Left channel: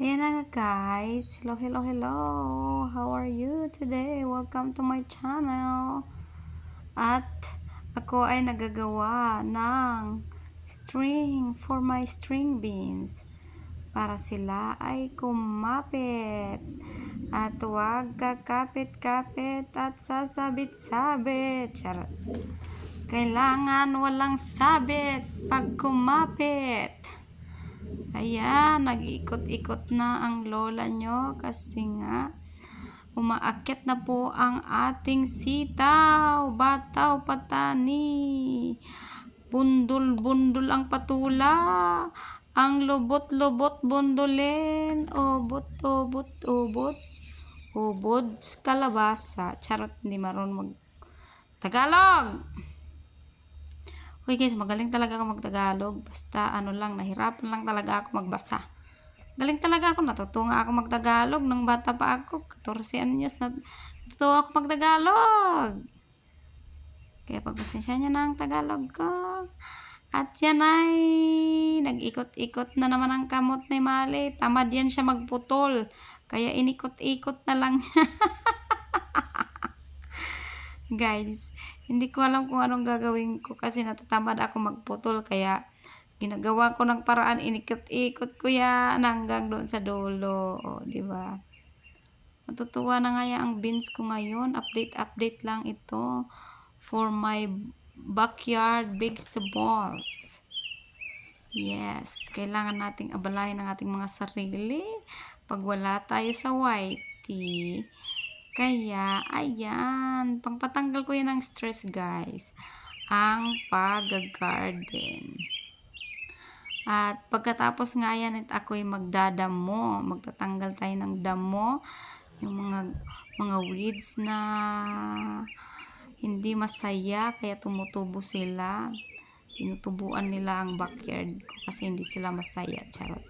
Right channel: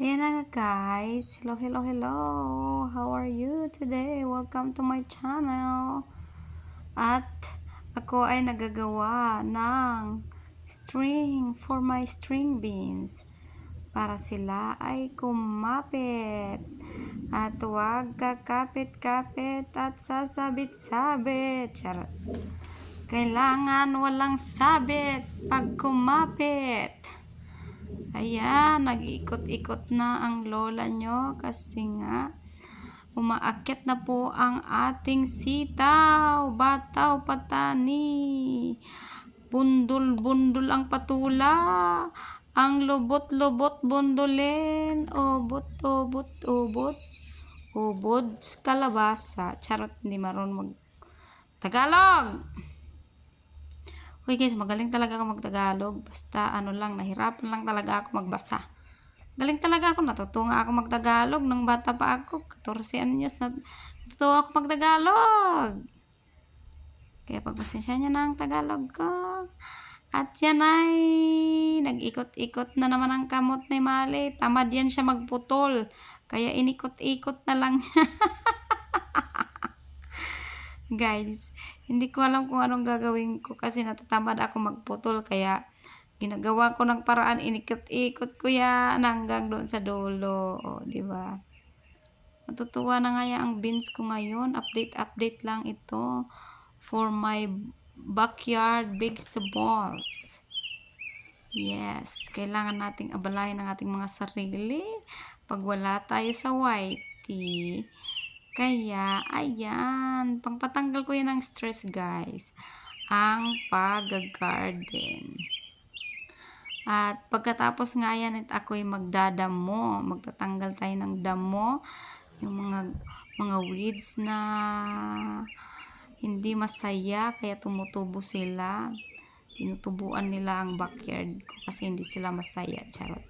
Ayan na nga guys. Hello, hello, hello. How are you today? Welcome to my channel. At ako ay nagagawa ng string for my string beans para sila ay kumapit. At huwag kakapit-kapit at sasabit-sabit. Charot. Kailangan walang sabit pag kumapit. Ayan, nag-ikot-ikot na ang lola nyo kasi nga umaakyat na po ang ating sitaw, bataw, patani. Bundol-bundol ang patula, ang lubot-lubot bundolin, obot-obot, obot, ubod kalabasa. Charot, hindi marunong mag-Tagalog! Uy guys, magaling talaga ako mag-Tagalog. Basta ano lang, nahirapan lang talaga ako magbasa. Galing talaga ako, natutunga ako mag-Tagalog. Nung bata pa ako, 14 anyos, natutuwa ako mag-Tagalog. Kaya pagpasensya niya na ang Tagalog ko. At yan ay, nag-ikot-ikot na naman ang kamot ni Mali. Tamad yan siya magputol. Kaya inikot-ikot na lang niya. Guys, hindi ko alam kung anong gagawin ko kasi natatamad ako magputol kaya ginagawa ko ng paraan, inikot-ikot ko yan hanggang doon sa dulo, di ba? Matutuwa na nga ang beans ko ngayon. Update lang ito for my backyard vegetables. Yes, kailangan nating abalahin ang ating mga sarili pag wala tayo sa whitey. Kaya, ayan, pangpatanggal ko yan ng stress guys, ang pag-garden. At pagkatapos nga yan, ako'y magdadamo, magtatanggal tayo ng damo, yung mga weeds na hindi masaya, kaya tumutubo sila. Tinutubuan nila ang backyard ko kasi hindi sila masaya, charot.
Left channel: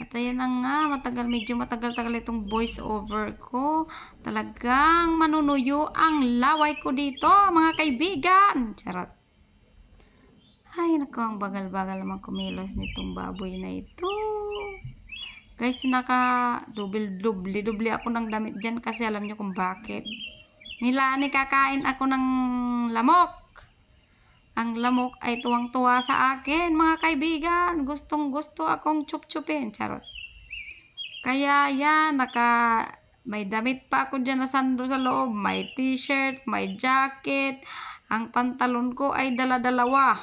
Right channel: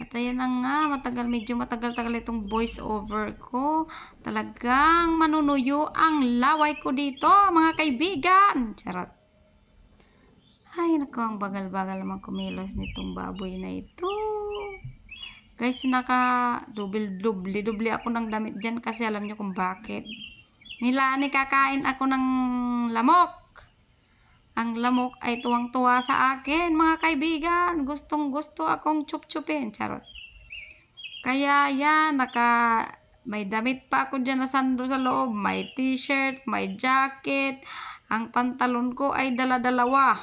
At ayan na nga, medyo matagal-tagal itong voice over ko. Talagang manunuyo ang laway ko dito, mga kaibigan. Charot. Ay, naku, ang bagal-bagal naman kumilos nitong baboy na ito. Guys, dubli ako ng damit dyan kasi alam nyo kung bakit. Kakain ako ng lamok. Ang lamok ay tuwang-tuwa sa akin, mga kaibigan. Gustong-gusto akong chup-chupin. Charot. Kaya yan, may damit pa ako dyan na sando sa loob. May t-shirt, may jacket. Ang pantalon ko ay dala-dalawa.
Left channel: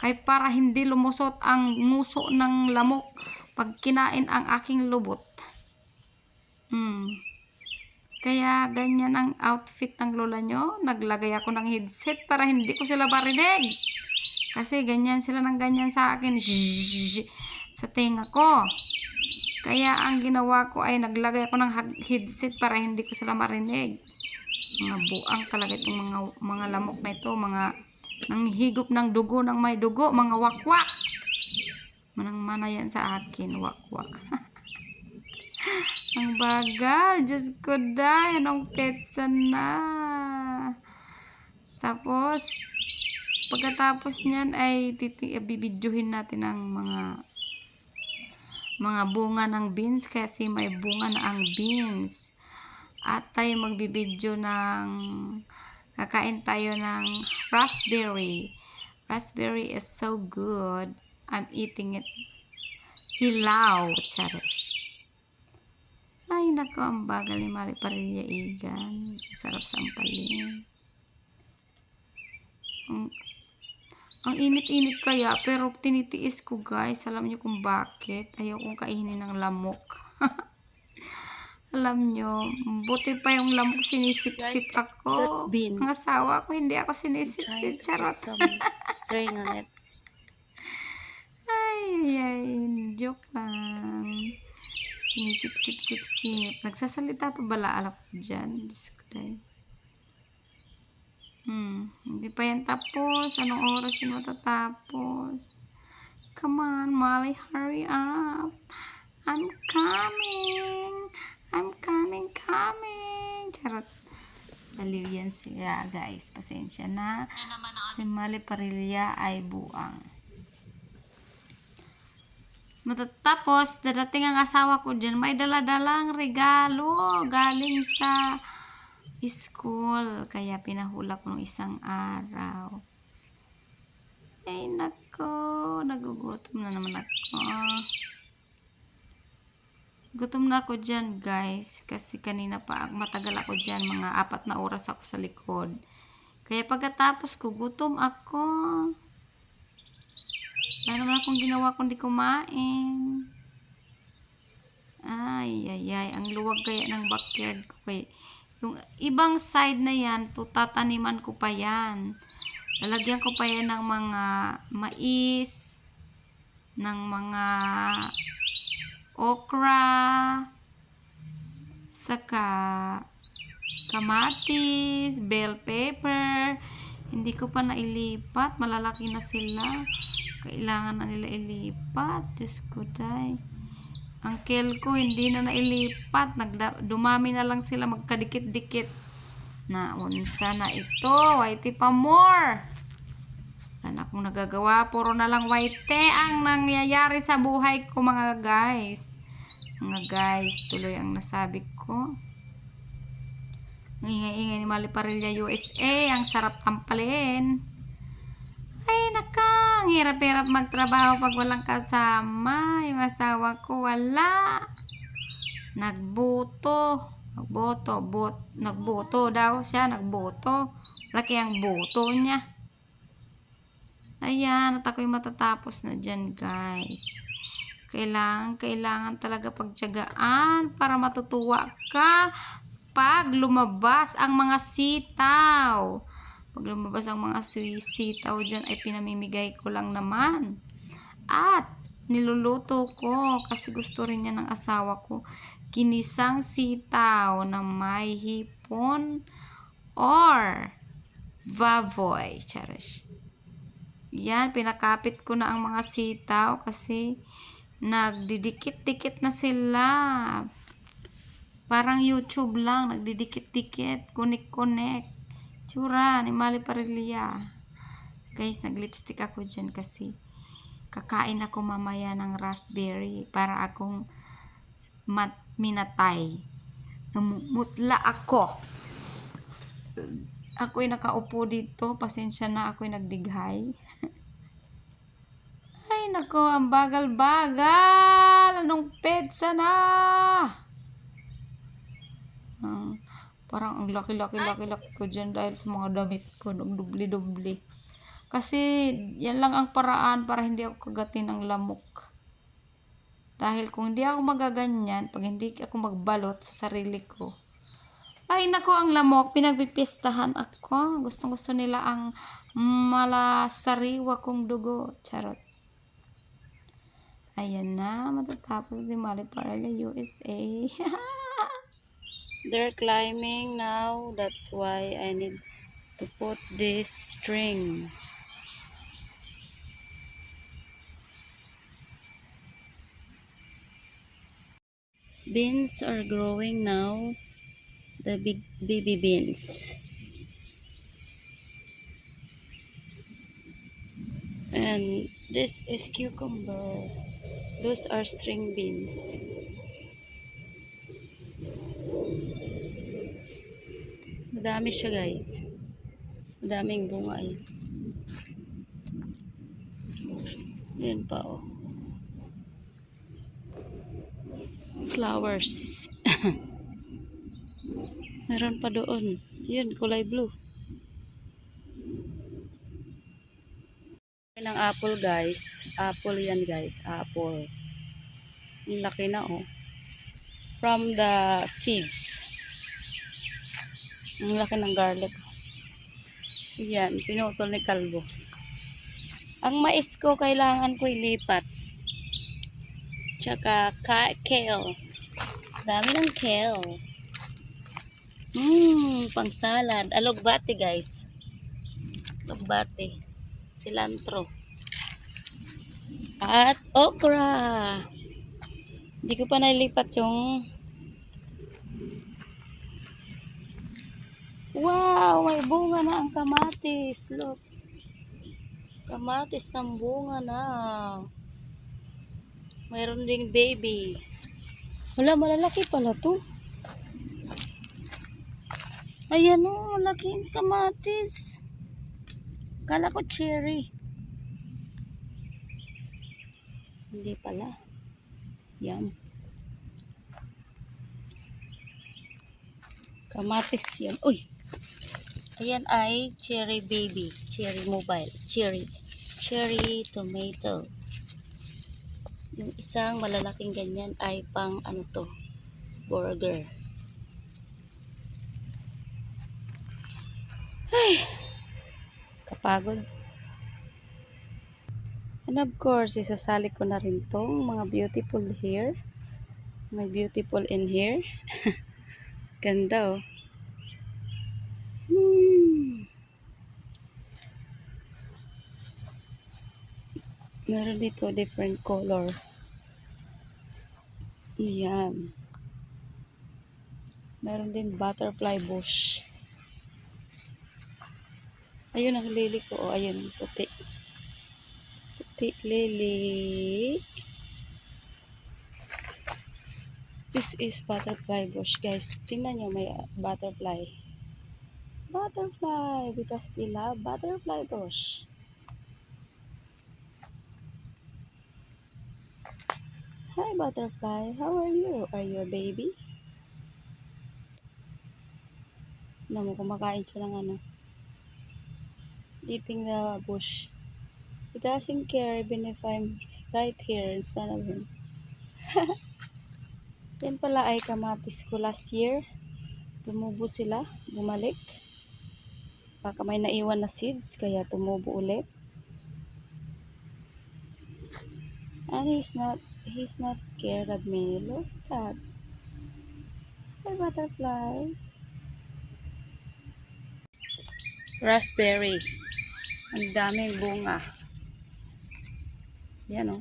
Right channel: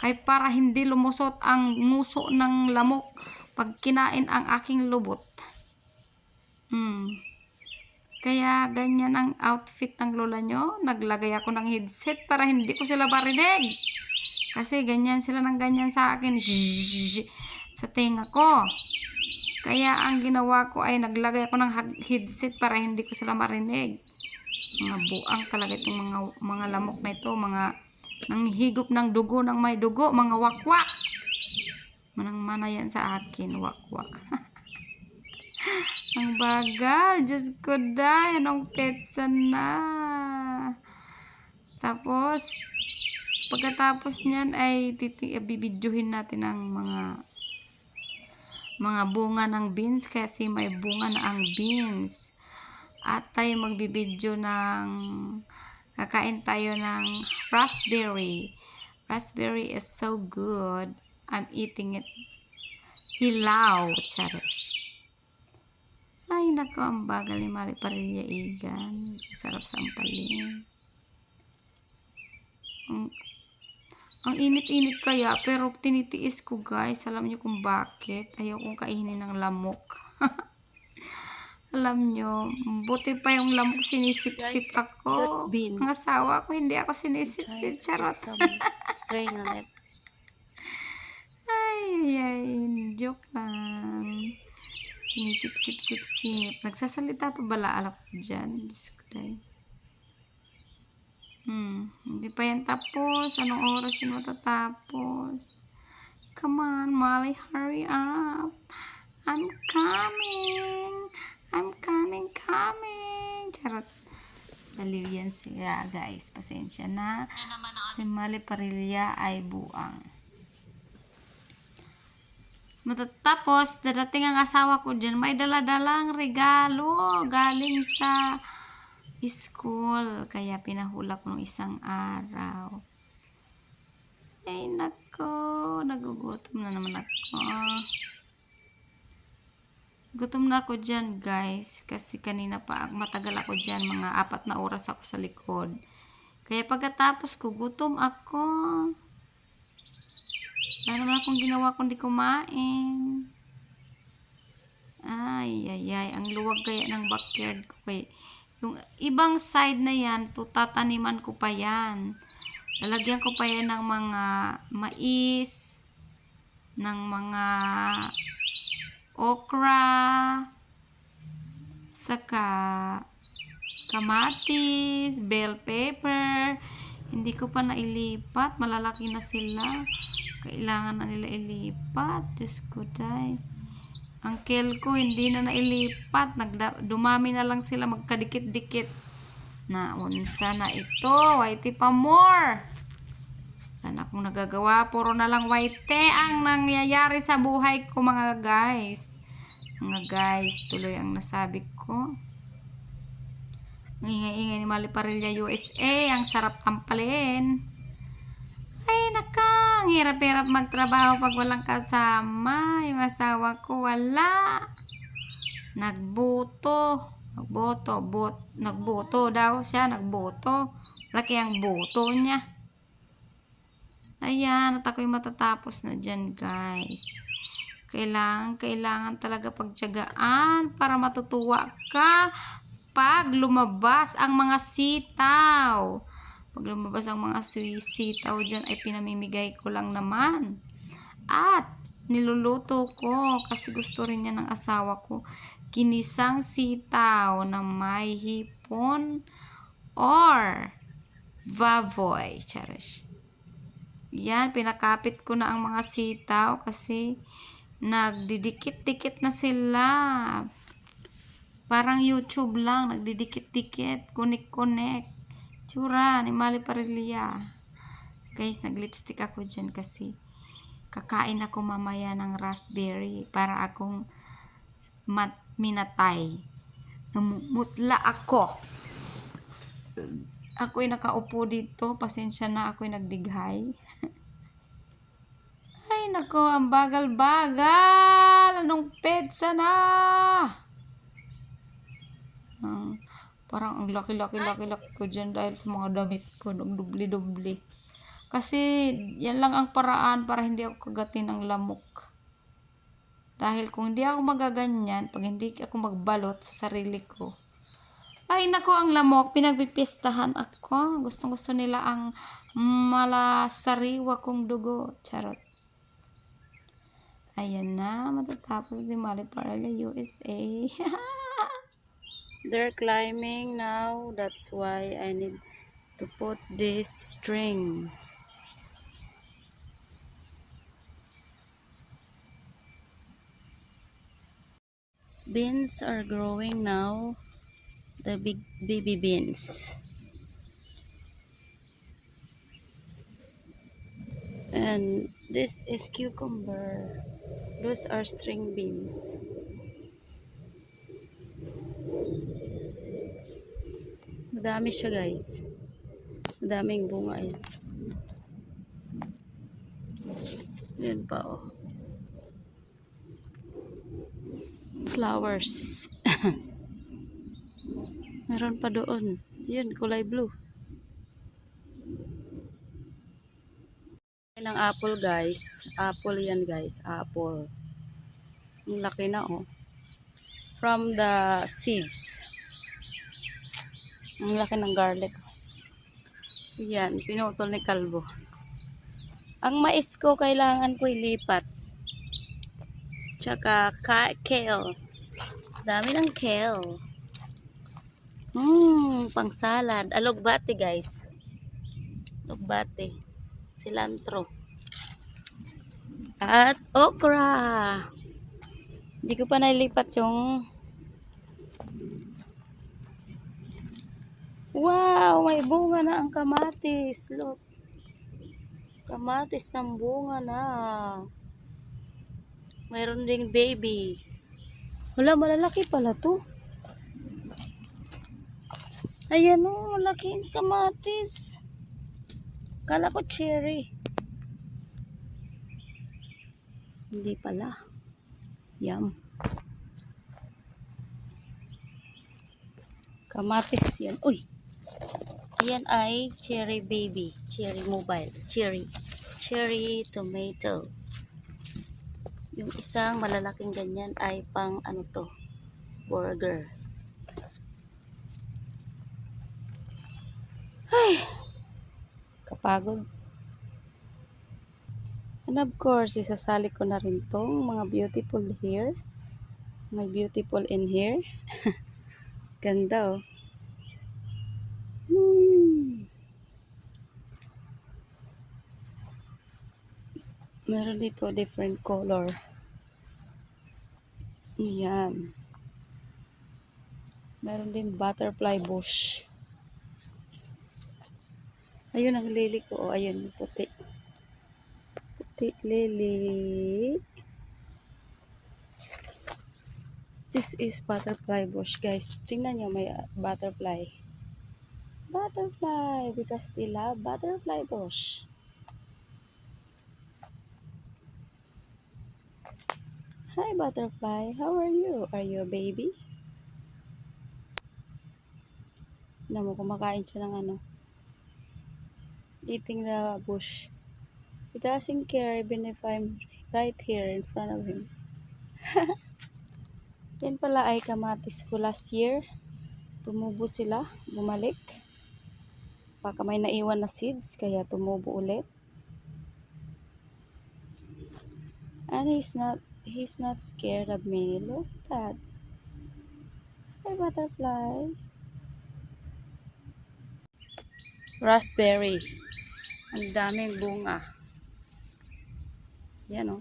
Kaya para hindi lumusot ang muso ng lamok pag kinain ang aking lubot. Kaya ganyan ang outfit ng lola nyo. Naglagay ako ng headset para hindi ko sila marinig. Kasi ganyan sila ng ganyan sa akin. Sa tenga ko. Kaya ang ginawa ko ay naglagay ako ng headset para hindi ko sila marinig. Mga buang talaga itong mga lamok na ito. Mga nanghigop ng dugo ng may dugo. Mga wakwak. Manang-mana yan sa akin. Wakwak. Ang bagal. Diyos ko dahil. Anong petsa na. Tapos, pagkatapos niyan ay bibidyohin natin ang mga bunga ng beans kasi may bunga na ang beans. At tayo magbibidyo kakain tayo ng raspberry. Raspberry is so good. I'm eating it. Hilaw. Cherish. Ay, nako, ang bagal ni Mari Parilla Igan. Sarap sampalin. Ang init-init kaya, pero tinitiis ko guys. Alam nyo kung bakit? Ayaw kong kainin ng lamok. Alam nyo, buti pa yung lamok sinisip-sip ako. Ang asawa ko, hindi ako sinisip-sip. Charot. String on it. Ay, joke lang. Sinisip-sip-sip-sip. Nagsasalita pa bala alak ko dyan. Diyos ko dahil. Hindi pa yan tapos. Anong oras yun matatapos? Come on, Molly, hurry up. I'm coming. I'm coming. Charot. Baliw yan siya, guys. Pasensya na. Si Molly Parilla ay buang. Matatapos, dadating ang asawa ko dyan, may daladalang regalo galing sa school. Kaya pinahula ko ng isang araw. Ay, nako, nagugutom na naman ako. Gutom na ako dyan, guys. Kasi kanina pa, matagal ako dyan. Mga 4 na oras ako sa likod. Kaya pagkatapos ko, gutom ako. Wala naman akong ginawa kundi kumain. Ay, ay, ay. Ang luwag kaya ng backyard ko. Kaya, yung ibang side na yan, tataniman ko pa yan. Lalagyan ko pa yan ng mga mais, ng mga okra, saka kamatis, bell pepper. Hindi ko pa nailipat. Malalaki na sila. Kailangan na nila ilipat. Diyos ko, day. Ang kel ko hindi na nailipat. Dumami na lang sila magkadikit-dikit. Na unsa na ito. Whitey pa more. Wala na akong nagagawa. Puro na lang whitey ang nangyayari sa buhay ko, mga guys. Mga guys, tuloy ang nasabi ko. Ang ingay-ingay ni Mali Parilla USA. Ang sarap tampalin. Ay, naka. Ang hirap-hirap magtrabaho pag walang kasama. Yung asawa ko, wala. Nagboto daw siya. Nagboto. Laki ang boto niya. Ayan, at ako'y matatapos na dyan, guys. Kailangan talaga pagtiyagaan para matutuwa ka pag lumabas ang mga sitaw. Pag lumabas ang mga sitaw dyan, ay pinamimigay ko lang naman. At niluluto ko kasi gusto rin niya ng asawa ko. Ginisang sitaw na may hipon or baboy. Cherish. Yan, pinakapit ko na ang mga sitaw kasi nagdidikit-dikit na sila. Parang YouTube lang, nagdidikit-dikit, connect-connect. Tsura ni Mali Parilla. Guys, naglipstick ako dyan kasi kakain ako mamaya ng raspberry para akong minatay. Namumutla ako. Ako'y nakaupo dito. Pasensya na, ako'y nagdighay. Ay, nako, ang bagal-bagal. Anong petsa na? Parang ang laki-laki ko dyan dahil sa mga damit ko. Dubli-dubli. Kasi, yan lang ang paraan para hindi ako kagatin ng lamok. Dahil kung hindi ako magaganyan, pag hindi ako magbalot sa sarili ko, ay nako, ang lamok, pinagpipistahan ako. Gustong-gusto nila ang malasariwa kong dugo. Charot. Ayan na, matatapos si Mali Parilla USA. They're climbing now. That's why I need to put this string. Beans are growing now. The big baby beans. And this is cucumber. Those are string beans. Madami siya, guys. Madaming bunga yan. Yan pa, oh. Flowers. Meron pa doon. Yan, kulay blue. Ng apple, guys. Apple yan, guys. Apple. Ang laki na, oh. From the seeds. Ang laki ng garlic. Yan, pinutol ni Kalbo. Ang mais ko, kailangan ko ilipat. Tsaka kale. Dami ng kale. Pang salad. Alogbate, guys. Alogbate. Cilantro. At okra. Hindi ko pa nailipat yung... Wow! May bunga na ang kamatis. Look. Kamatis ng bunga na. Mayroon ding baby. Wala, malalaki pala to. Ayan o, laking kamatis. Kala ko cherry. Hindi pala. Yum. Kamatis yan. Uy! Ayan ay cherry baby. Cherry mobile. Cherry. Cherry tomato. Yung isang malalaking ganyan ay pang ano to, burger. Ay! Kapagod. And of course, isasali ko na rin tong mga beautiful hair. May beautiful in here. Ganda oh. Meron dito different color. Ayan. Meron din butterfly bush. Ayun ang lily ko. Oh, ayun yung puti. Puti lily. This is butterfly bush, guys. Tingnan nyo, may butterfly. Butterfly, because they love butterfly bush. Hi, butterfly. How are you? Are you a baby? Namu, kumakain siya ng ano. Eating the bush. He doesn't care even if I'm right here in front of him. Yan pala ay kamatis ko last year. Tumubo sila, bumalik. Baka may naiwan na seeds, kaya tumubo ulit. And he's not scared of me. Look at that. Hi, butterfly. Raspberry. Ang daming bunga. Yan o.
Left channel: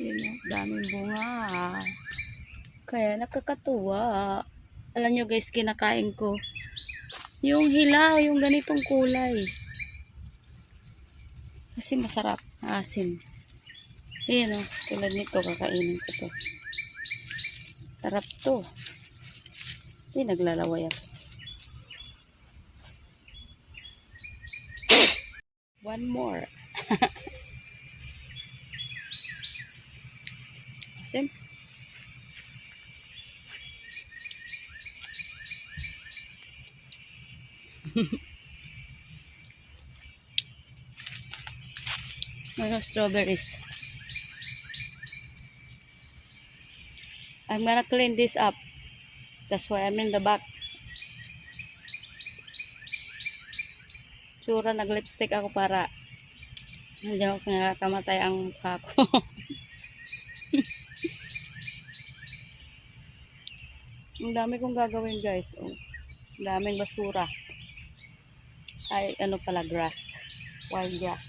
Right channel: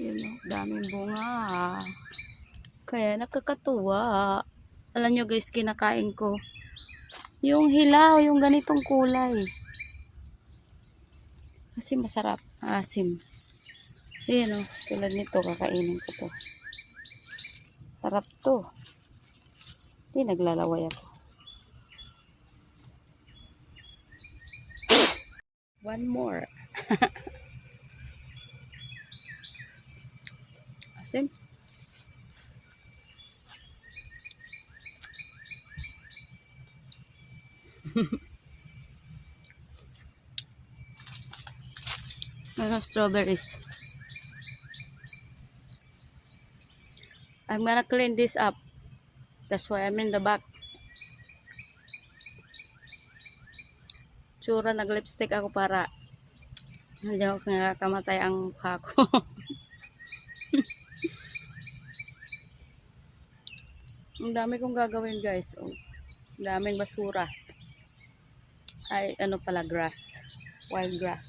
Yan o, daming bunga. Kaya nakakatuwa. Alam nyo guys, kinakain ko yung hilaw, yung ganitong kulay. Kasi masarap, asim. Yan o, tulad nito, kakainin ko to. Sarap to. Hindi, naglalaway ako. One more. Asim. Mga strawberries. I'm gonna clean this up. That's why I'm in the back. Tsura, nag-lipstick ako para hindi ako kinakamatay ang mukha ko. Ang dami kong gagawin guys. Oh, daming basura. Ay, ano pala, grass. Wild grass.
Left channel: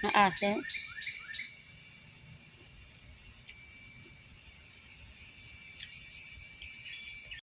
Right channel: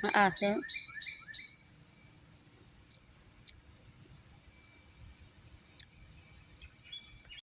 Maasim.